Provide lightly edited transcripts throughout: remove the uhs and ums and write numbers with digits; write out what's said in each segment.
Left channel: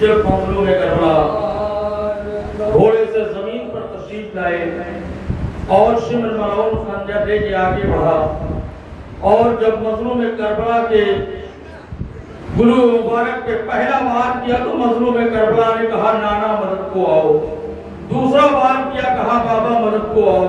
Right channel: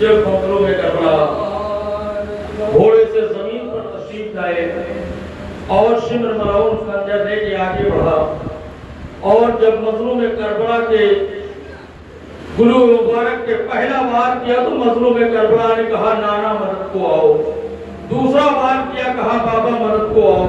जब मजलूम करबला घोड़े से जमीन पर तशरीफ लाए और शिमर मलऊन खंजर लेके आगे बढ़ा और जब मजलूम करबला के गुरु मुबारक के पहला बार किया तो मजलूम करबला ने कहा नाना मदद को आओ, दूसरा बार किया कहा बाबा मदद को आओ,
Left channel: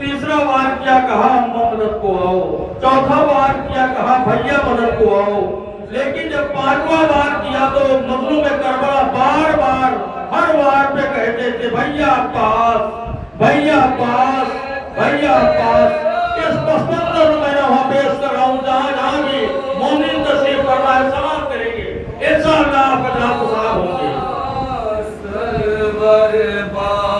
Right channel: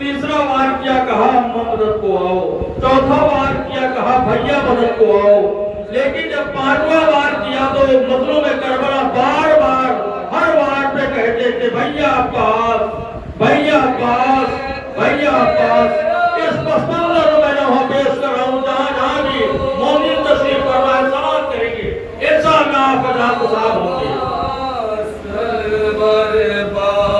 तीसरा बार किया कहा अम्मा मदद को आओ, चौथा बार किया कहा भैया मदद को आओ। लेकिन जब पांचवा बार किया तो मजलूम करबला बार बार हर बार पे कहते थे भैया पास, भैया पास, भैया पास। इस मंजर में मैं वहां पेश कर रहा हूँ जहाँ जहाँ भी मोमिन तशरीफ फरमाए सवाल करेंगे इंशाअल्लाह आपका तो साफ होंगे। बार बार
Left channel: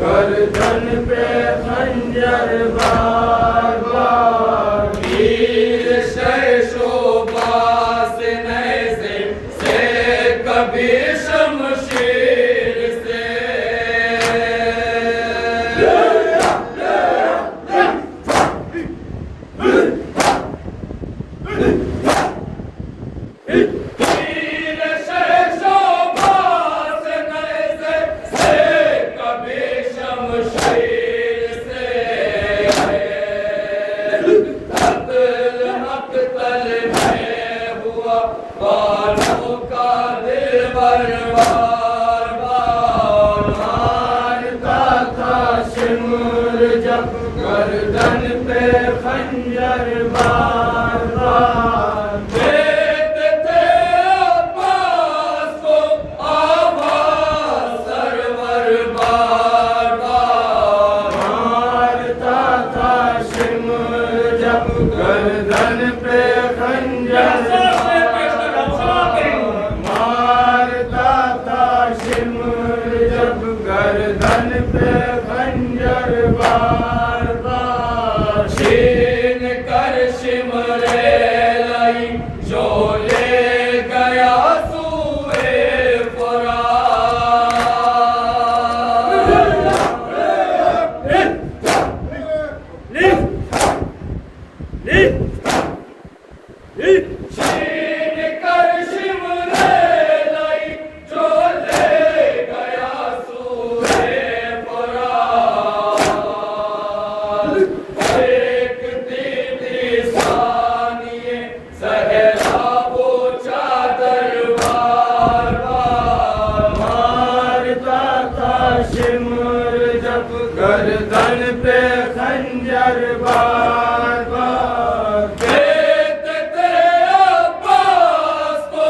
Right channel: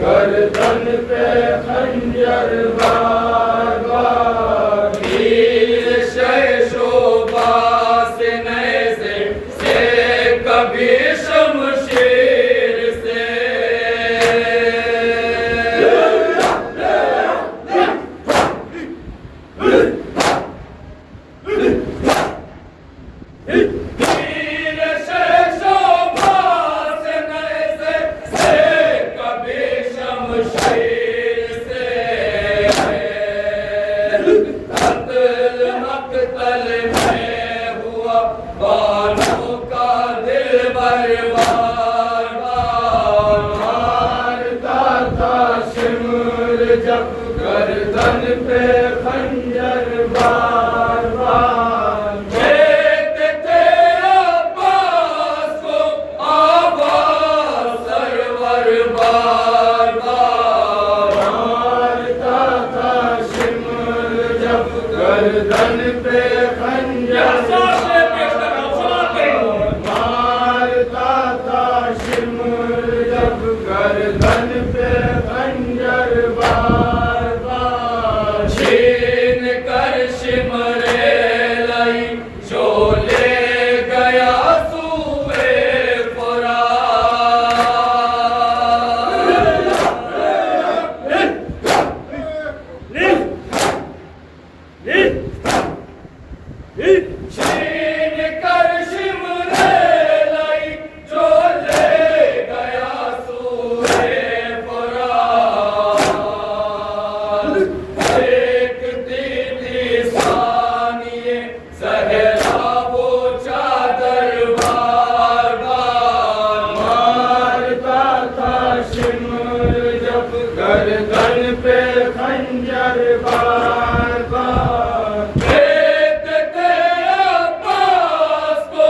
गर्दन पे खंजर बार बार, वीर शय शोभा से नैज़े से कभी शमशीर से। वीर शय शोभा से नैज़े से कभी शमशीर से। मक्तल में हुआ बालों का दिल बर्बाद बार, मारता था शिमर जब गर्दन पे खंजर बार बार। देते थे अब्बास को आवाज़ सरवर बार बार, मारता था शिमर जब गर्दन पे खंजर मारता था शिमर जब गर्दन पे खंजर बार बार। छीन कर शिमरे लाई जो ले गया सूए छीन कर शिमरे लाई जो ले गया सूए देखती थी सानिए ज़हरा वो चादर बार बार, मारता था शिमर जब गर्दन पे खंजर बार बार। देते थे अब्बास को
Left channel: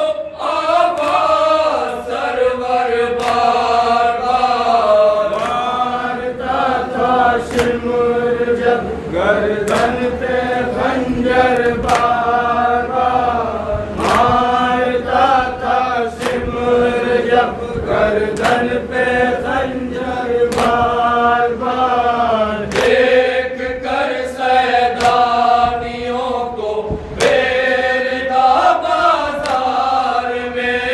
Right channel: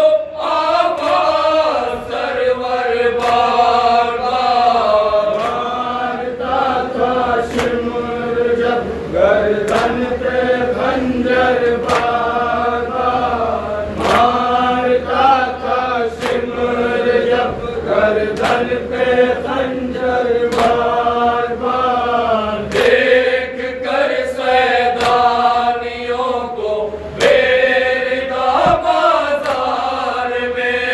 आवाज़ सरवर बार बार, मारता था शिमर जब गर्दन पे खंजर बार बार, मारता था शिमर जब गर्दन पे खंजर बार बार। देख कर सैदानियों को बेरदा बाजार में,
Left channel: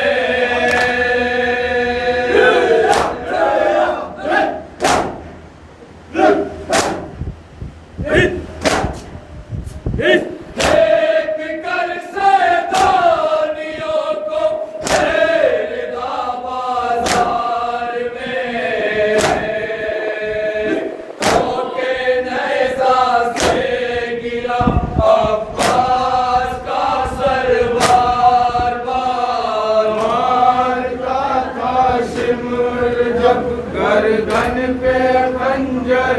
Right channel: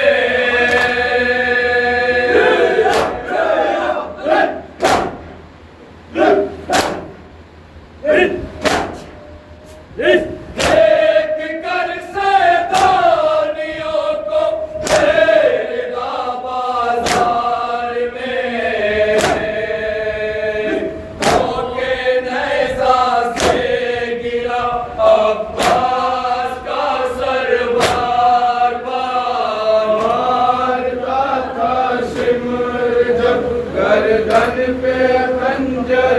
देख कर सैदानियों को बेरदा बाजार में, होके नेज़ा से गिरा अब्बास का सर बार बार, मारता था शिमर जब गर्दन पे खंजर